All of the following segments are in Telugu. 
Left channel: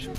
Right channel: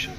నిమిషం.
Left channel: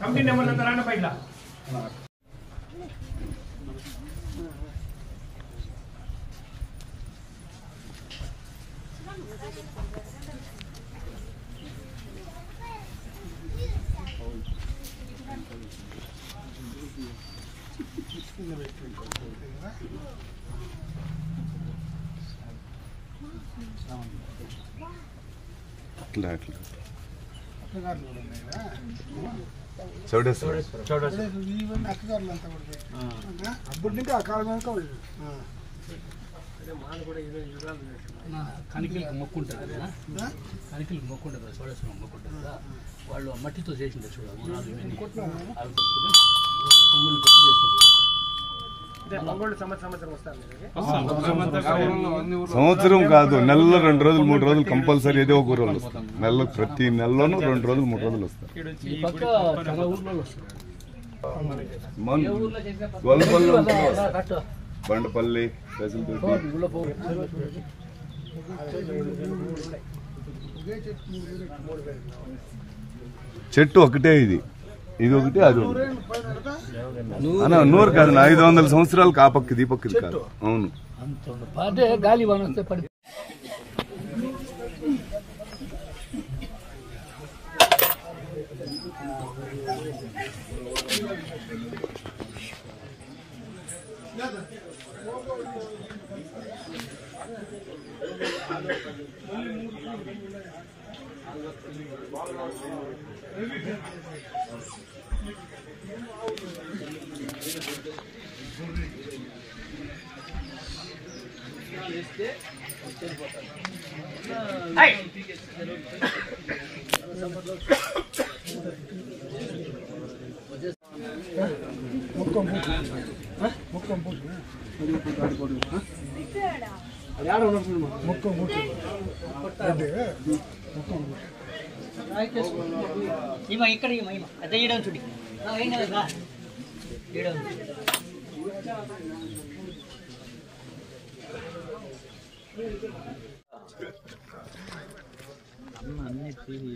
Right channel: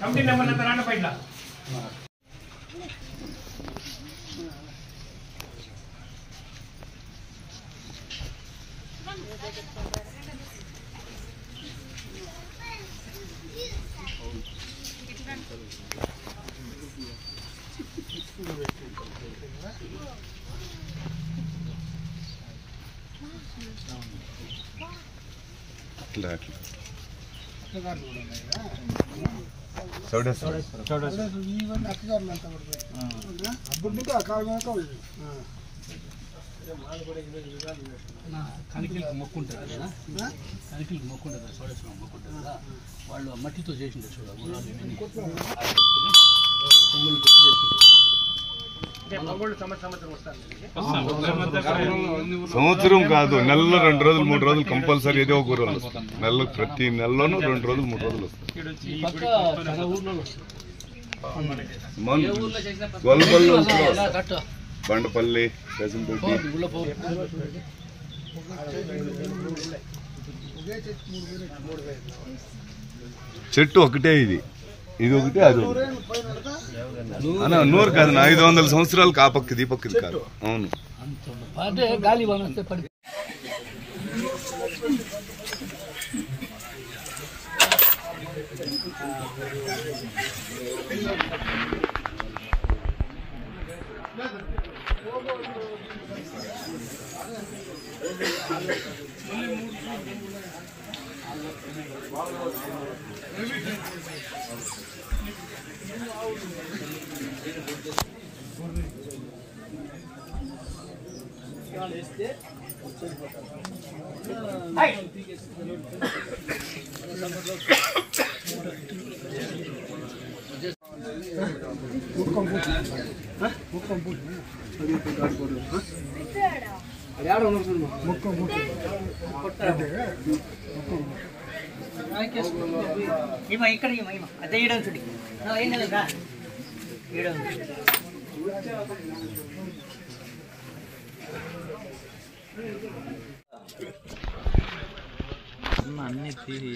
కంపెనీ నెంబర్ అంతా రాండి పైన. అట్లా కనికిలకు మొక్కు ఉంటుంది కదా, కనికిలకు మొక్కు ఉంటుంది కదా, సోడేశ్వరం మొక్కు ఉంటుంది కదా, వాళ్ళు మట్టితో చేసిండే చూడాలి. సంవత్సరం కాదు, నెలలో 2 రోజులు 3 రోజులు కంపల్సరీ ఏదో ఒక రోజు వస్తాం. నెలలో ప్రతి నెలలోనూ 2 రోజులు 3 రోజులు వస్తాం. బండపల్లి, చెట్టు ఒకటే, ఇది ఒకటి, అది అన్న 100 కాదు, 500 సంవత్సరాలు కాపక్కి దీపక్కి కాదు. అవును, గాలి ఇక్కడ అదే ఇయడం చూడి అన్ని తీరి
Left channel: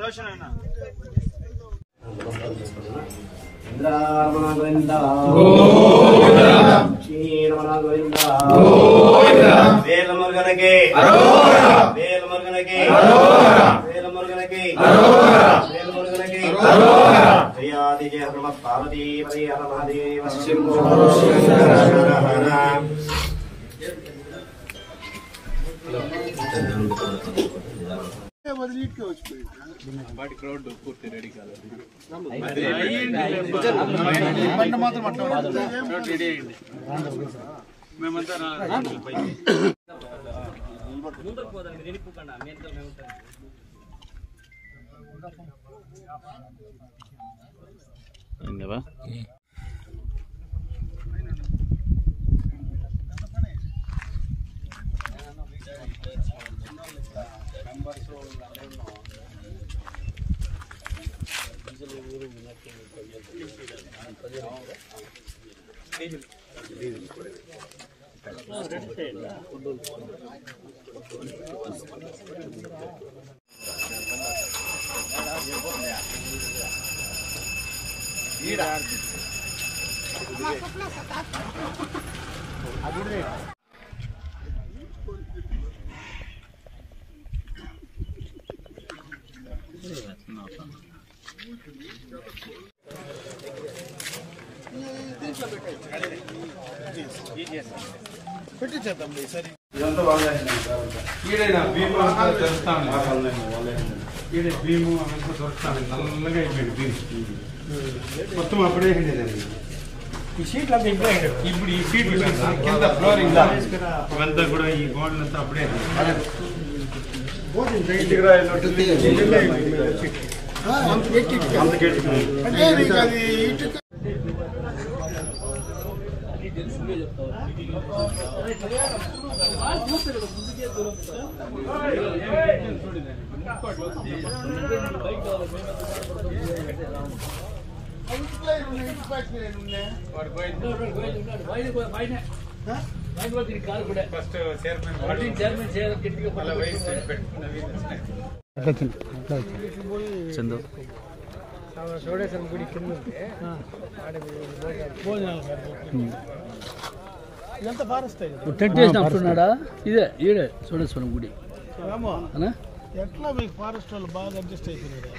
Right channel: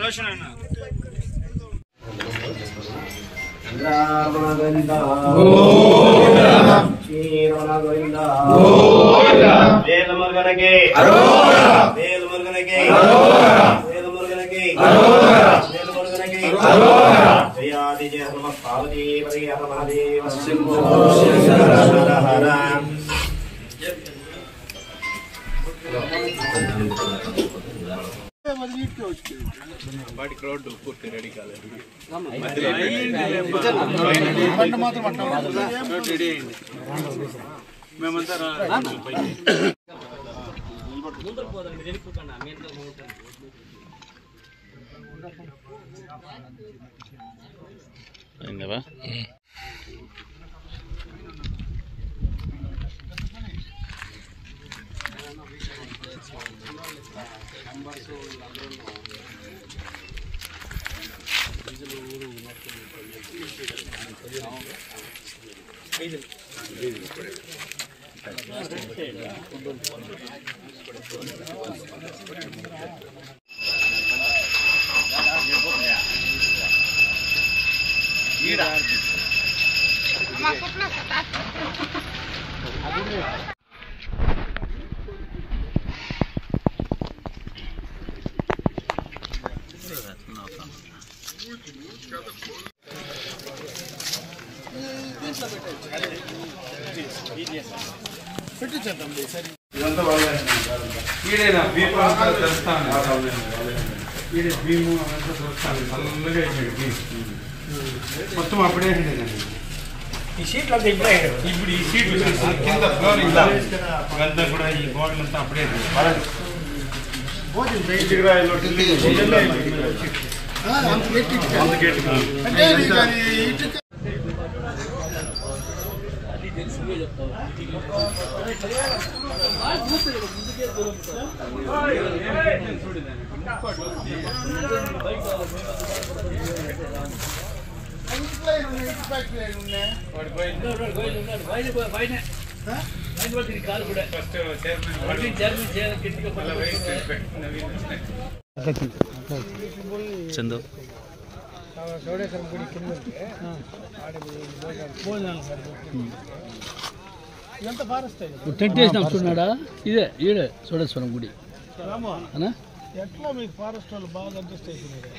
రోషన్ అన్న వేలమురుగనకి వేలమురుగనకి వేలమురుగనకి వేలమురుగనకి జయాది జయ హనుమ పార్వతీ హర మహాదేవ శంభో హర హర. వాటికి రోడ్డు పూర్తి రెడీ కాలేదు. మొత్తం అప్పుడే ఈ షీట్లు అంతా ఇప్పుడు ఈ షీట్లు కింద ఫ్లోర్ ఇవంతా కూడా ఈ గోడలంతా అప్పుడే చందు చౌడేశ్వరం గుడి కింద ఇదంతా ఫారెస్ట్ టెంట్ వేసిన వస్తున్నాడా? ఇదే ఈడే చౌడేశ్వరం గుడి. ఎట్లా మీకు ఫారెస్ట్ వాళ్ళు బాగా అడ్జస్ట్ అయిపోయినారు?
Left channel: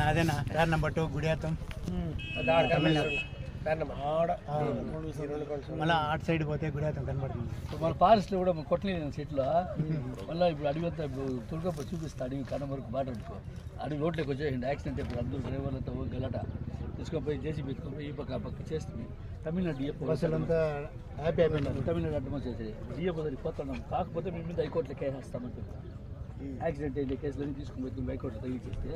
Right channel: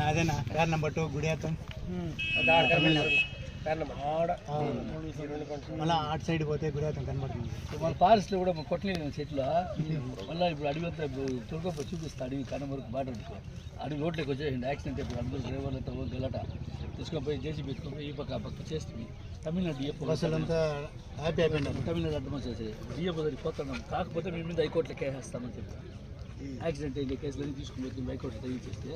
నాదేనా కార్ నెంబర్ 2 గుడియాతం మళ్ళీ ఆట్ సైడ్ పోతే గుడియాతం కనబడుతుంది. మన ఫారెస్ట్ లో కూడా కొట్టలేదు చెట్లు. మళ్ళీ ఇప్పుడు అడవి అంతా తుర్గప్ప చూపిస్తా. అడవి కన్నం వరకు బాట పెట్టుకో. అడవి రోడ్లోకి వచ్చేసింది యాక్సిడెంట్ అయిపోయి అందరూ డ్రైవర్లతో గలట తీసుకొని పోయి జేసీ పెట్టుకొని ఈ పక్క ఆ పక్క చేస్తుంది. తమిళనాడు డిఎఫ్ అసలంతా హ్యాపీ అయిపోయినారు. తమిళనాడు అడ్డం చేసేది డిఎఫ్ దగ్గరికి పోతున్నాం. కాకపోతే మేము మీద హైకోర్టులో కేసు వేస్తామని చెప్తాం. యాక్సిడెంట్ అయిన కేసులన్నీ తీసుకుని పోతుంది హైకోర్టు తగ్గించేస్తే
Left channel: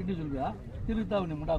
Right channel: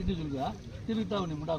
ఇండివిజువల్గా తిరుగుతా ఉండి ముఠా